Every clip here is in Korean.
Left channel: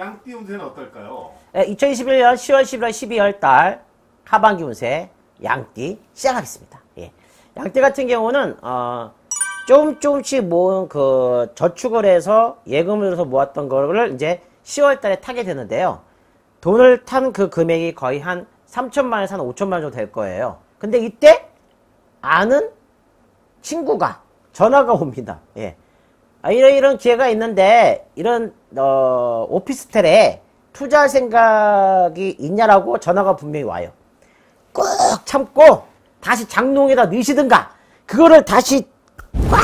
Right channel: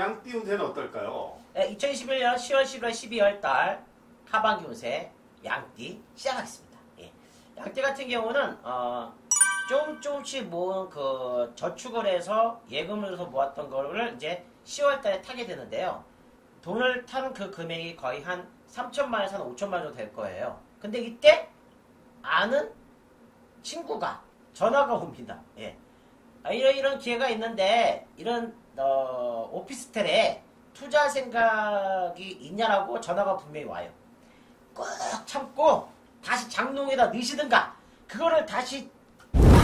양띠 운세는 어떨까요? 2021년 10월, 11월, 12월 달 하반기 운세 양띠 시작하겠습니다. 예. 양띠 같은 경우는 조금씩 모은 그 저축을 해서 예금을 들어서 모았던 거를 이제 10월 달에 타게 되는데요. 돈을 탄 그 금액이 거의 한 3천만 원에서 한 5천만 원 정도 될 거예요. 근데 이때 아는 친구가 전화가 옵니다. 예. 이런 기회가 있는데 이런 오피스텔에 투자할 생각이 있냐라고 전화가 분명히 와요. 꾹 참고 다시 장롱에다 넣으시든가 그거를 다시 막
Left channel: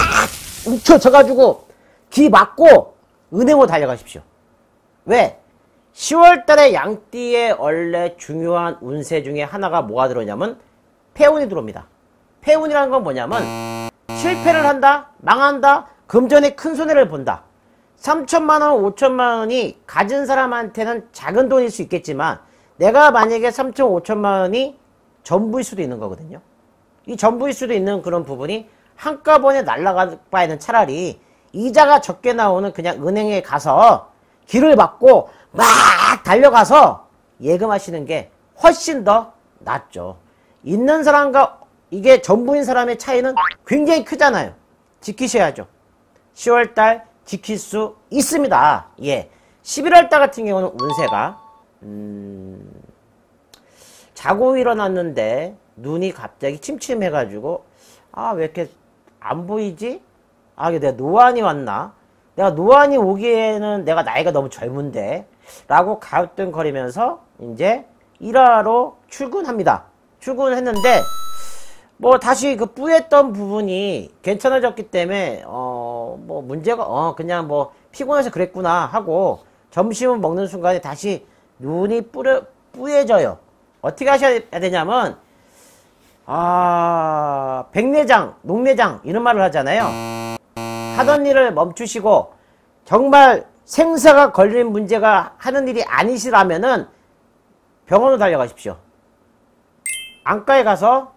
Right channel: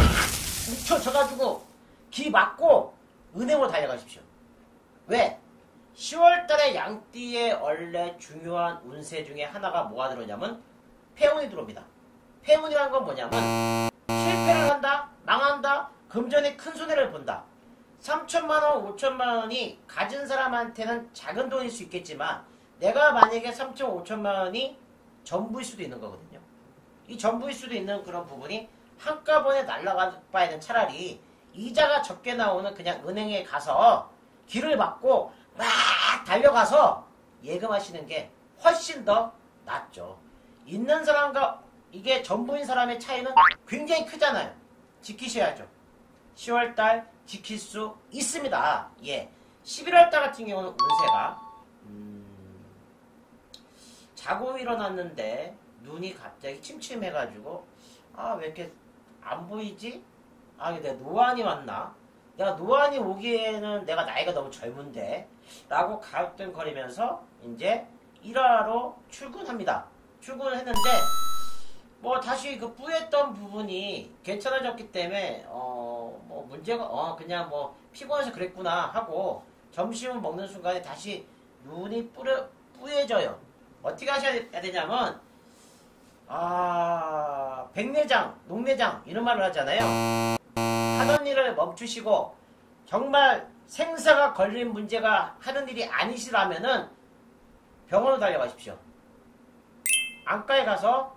움켜져가지고 기 맞고 은행으로 달려가십시오. 왜? 10월달에 양띠의 원래 중요한 운세 중에 하나가 뭐가 들어오냐면 폐운이 들어옵니다. 폐운이라는 건 뭐냐면 실패를 한다, 망한다, 금전에 큰 손해를 본다. 3천만원, 5천만원이 가진 사람한테는 작은 돈일 수 있겠지만 내가 만약에 3천, 5천만원이 전부일 수도 있는 거거든요. 이 전부일 수도 있는 그런 부분이 한꺼번에 날아갈 바에는 차라리 이자가 적게 나오는 그냥 은행에 가서 길을 막고 막 달려가서 예금하시는 게 훨씬 더 낫죠. 있는 사람과 이게 전부인 사람의 차이는 굉장히 크잖아요. 지키셔야죠. 10월달 지킬 수 있습니다. 예. 11월달 같은 경우는 운세가 자고 일어났는데 눈이 갑자기 침침해가지고 왜 이렇게 안 보이지? 이게 내가 노안이 왔나? 내가 노안이 오기에는 내가 나이가 너무 젊은데 라고 가우뚱거리면서 이제 일하러 출근합니다. 출근을 했는데 뭐 다시 그 뿌였던 부분이 괜찮아졌기 때문에 뭐 문제가 그냥 뭐 피곤해서 그랬구나 하고 점심을 먹는 순간에 다시 눈이 뿌얘져요. 어떻게 하셔야 되냐면 백내장, 녹내장 이런 말을 하잖아요. 하던 일을 멈추시고 정말 생사가 걸린 문제가 하는 일이 아니시라면은 병원으로 달려가십시오. 안과에 가서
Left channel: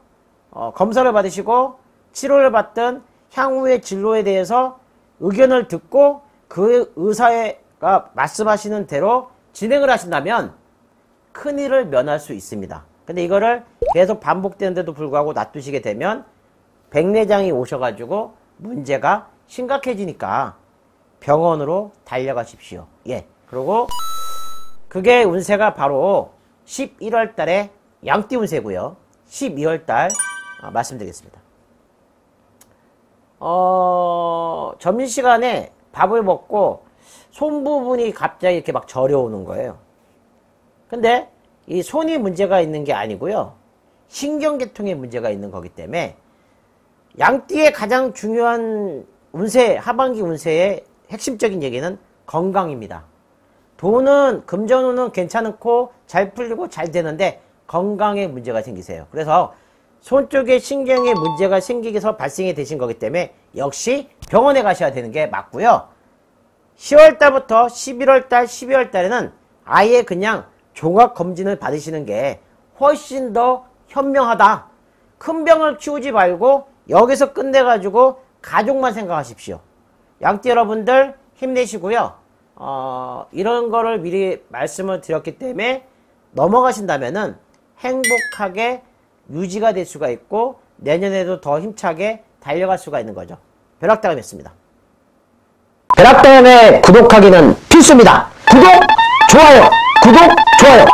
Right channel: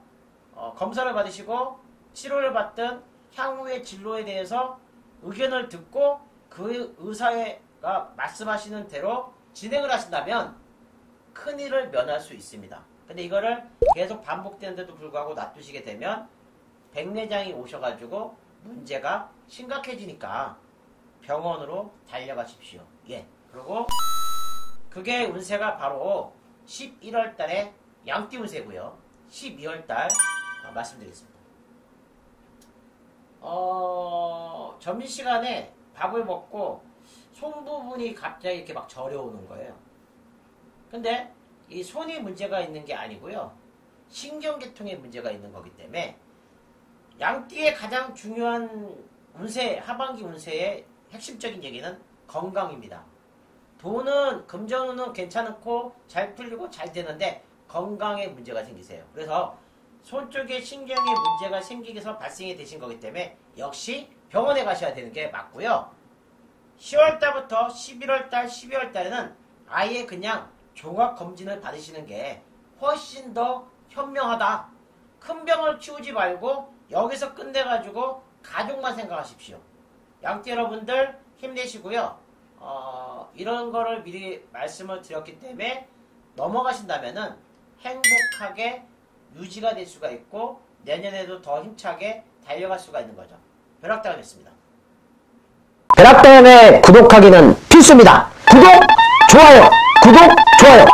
검사를 받으시고 치료를 받든 향후의 진로에 대해서 의견을 듣고 그 의사가 말씀하시는 대로 진행을 하신다면 큰일을 면할 수 있습니다. 근데 이거를 계속 반복되는데도 불구하고 놔두시게 되면 백내장이 오셔가지고 문제가 심각해지니까 병원으로 달려가십시오. 예. 그리고 그게 운세가 바로 11월 달에 양띠 운세고요. 12월 달 말씀드리겠습니다. 점심시간에 밥을 먹고 손 부분이 갑자기 이렇게 막 저려오는 거예요. 근데 이 손이 문제가 있는 게 아니고요. 신경계통에 문제가 있는 거기 때문에 양띠의 가장 중요한 운세, 하반기 운세의 핵심적인 얘기는 건강입니다. 돈은, 금전운은 괜찮고 잘 풀리고 잘 되는데 건강에 문제가 생기세요. 그래서 손 쪽에 신경에 문제가 생기게서 발생이 되신 거기 때문에 역시 병원에 가셔야 되는 게 맞고요. 10월달부터 11월달, 12월달에는 아예 그냥 종합검진을 받으시는 게 훨씬 더 현명하다. 큰 병을 키우지 말고 여기서 끝내가지고 가족만 생각하십시오. 양띠 여러분들 힘내시고요. 이런 거를 미리 말씀을 드렸기 때문에 넘어가신다면은 행복하게 유지가 될 수가 있고 내년에도 더 힘차게 달려갈 수가 있는 거죠. 벼락다음이었습니다. 벼락다음에 구독하기는 필수입니다. 구독, 좋아요, 구독, 좋아요.